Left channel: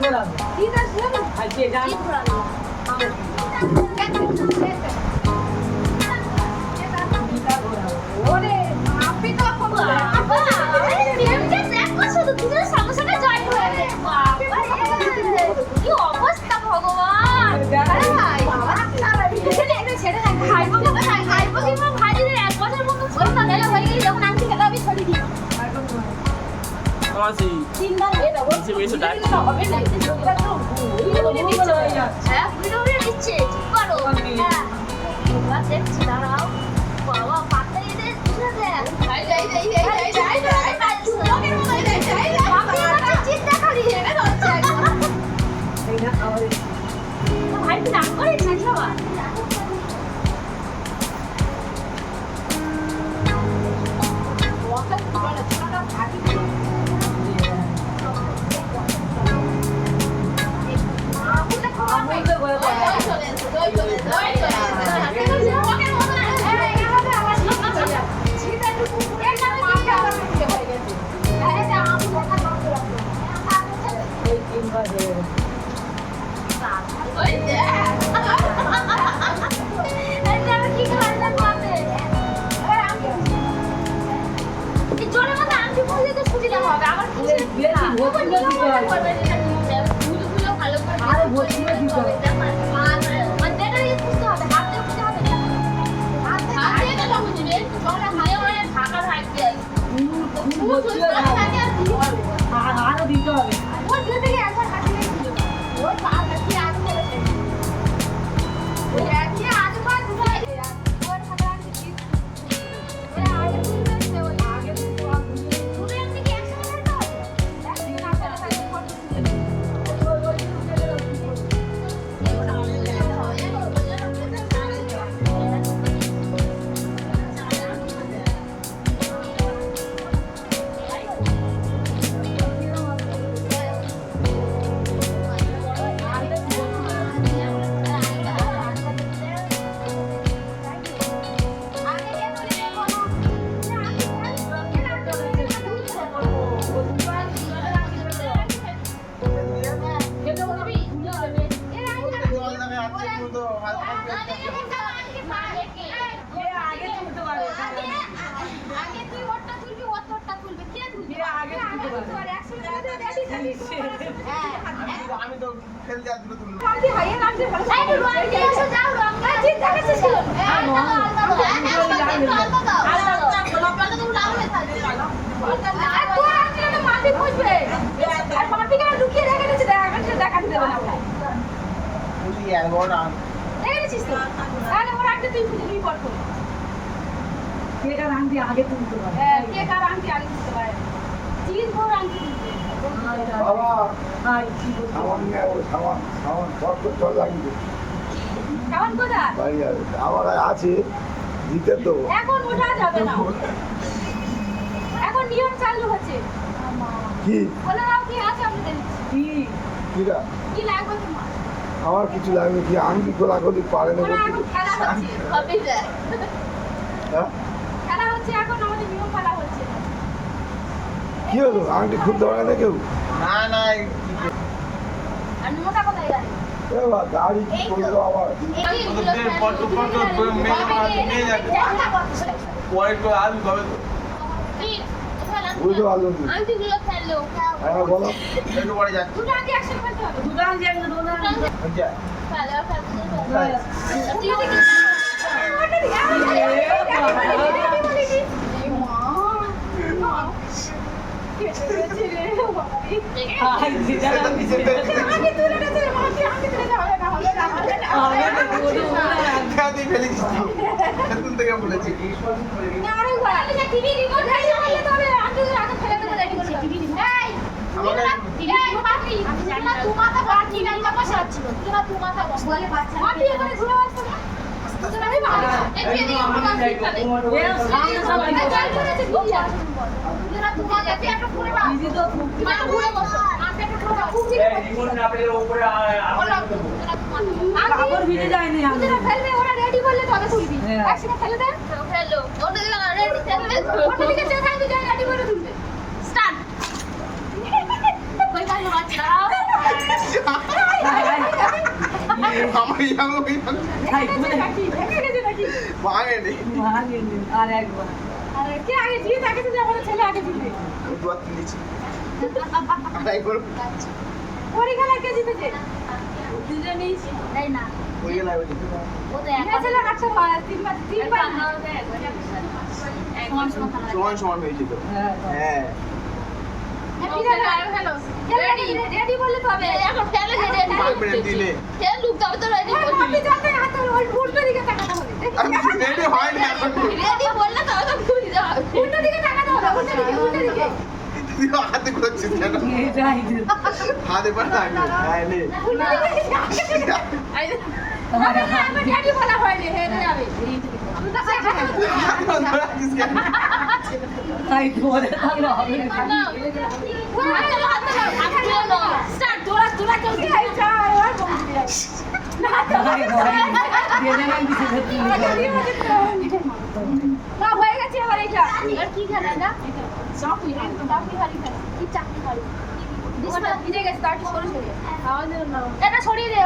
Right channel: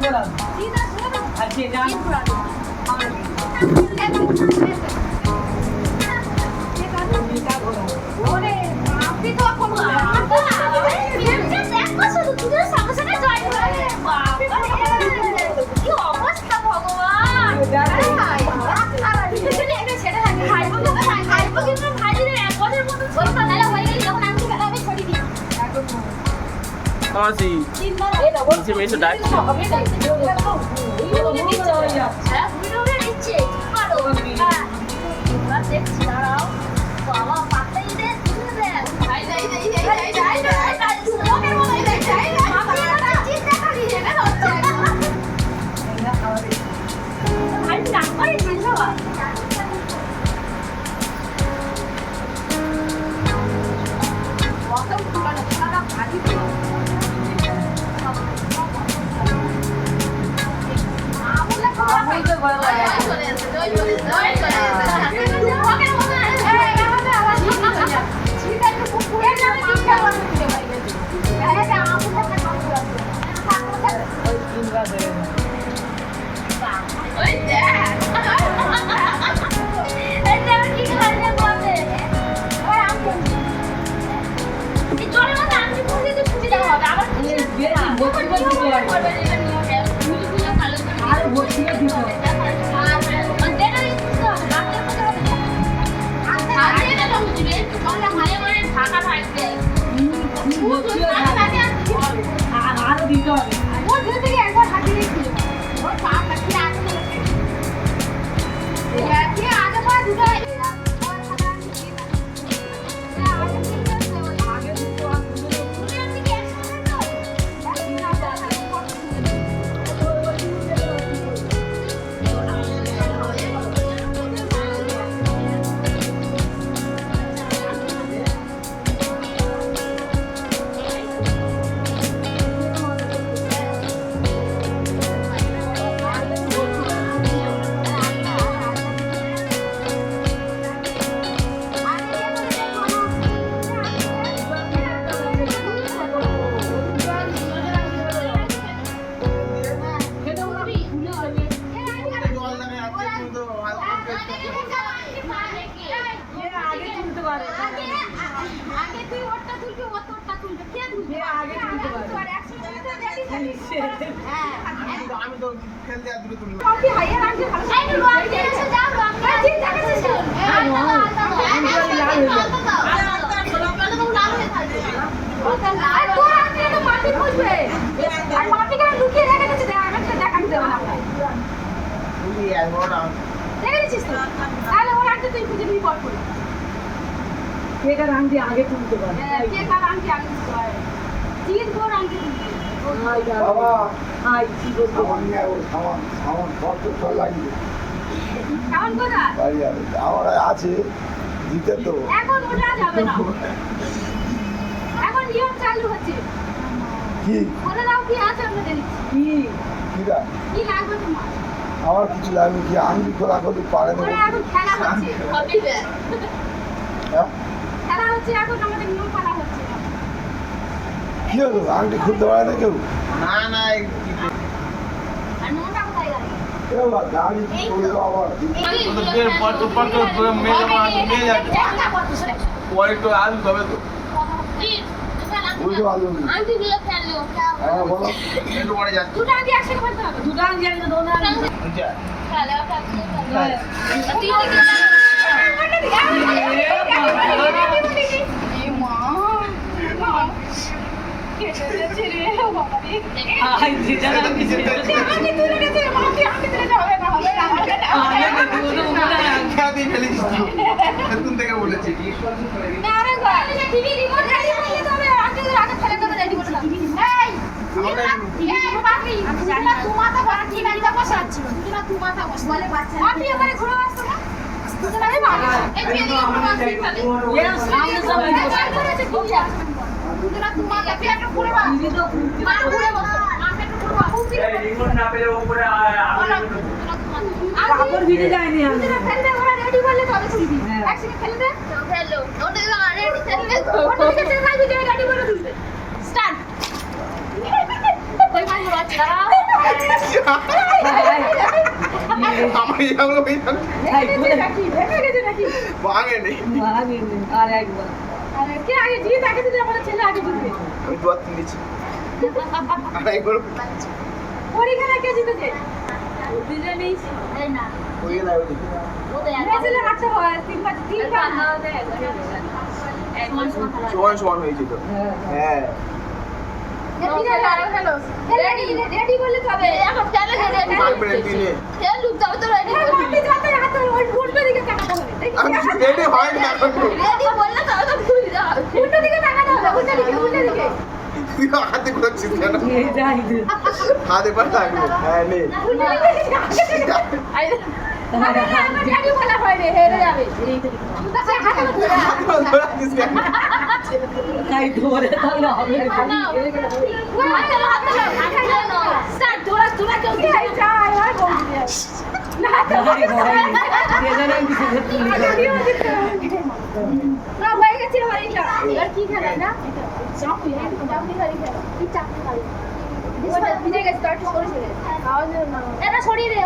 ঘোরাবো আর যে গান ข้อสี่ที่ไม่สุดได้ ไม่ได้เจอ নিবি পট করে কে কার আংটি আগে তুলতে পারে? হ্যাঁ কে কার আংটি আগে দিতে পারে? তিন বোর আংটি দিতে হাই আমার আছে দিতে তো এখন ওটা যাবে না এখন নিয়ম চালু হচ্ছে কি দাও কি আছে আমাদের কি কি লাগবে তোমার আমার কিছু লাগবে কি আংটি খোলা খোলি পারে না খেলা হচ্ছে খেলা হচ্ছে এখন আমাদের নিয়ম পালা হচ্ছে কি হলো আংটি খুলতে পারে না কেউ না না গাড়ি কি করব আবার নিয়ে যাবে পরে তবে তো বুঝতে পারলাম হ্যাঁ বলো একটু পরে যাচ্ছে দুটো আন্টি একসাথে করতে হবে দুটো আংটি আমি তো আচ্ছা ফেলতে তুই হাই যেটা আংটি সবাই দিদি তো কাপড় ভিজে যায়নি আমি। ফেললে ওরা রেডি ফেললে তবে তুলবি হ্যাঁ। একসাথে ফেলে। দে ফেলল ওটা রেডি ফেললে ওটা থেকে চাই রেডি করে তুলবে। স্টার্ট কই মারলো বাচ্চা। আমার ইয়াগুলো হয়ে ভাই ভাঙেনি। আর একবার। কে আগে জিতে তাকে যে আমাদের ছেলে আগে জিতবে আমি দুয়ার তিন আর একবার পরীক্ষা কে জিতেছে? দিলে নেই না। হয়ে গেল ও তো একা। ছেলে হাঁটতে তিনবার তিনবার। সমান সমান সমান সমান হ্যাঁ। রেডি রেডি বললে তো এখন না দিলে। তেল ঢুকতে হবে তো রেডি হাতে যাতে হাতে উল্টো দিকে তাকাতে হবে। আমি রেডি হয়নি এখন। রেডি বললে তো হবে যাও উল্টো দিকে তাকাতে হবে উল্টো দিকে উল্টো দিকে। তুই হাতে ঘুরাচ্ছিস কেন? হাতে পর থাকবে হ্যাঁ নে না হয়ে গেছে এবার এটা। এবার কি খেলা না? এটা ছড়িয়ে দে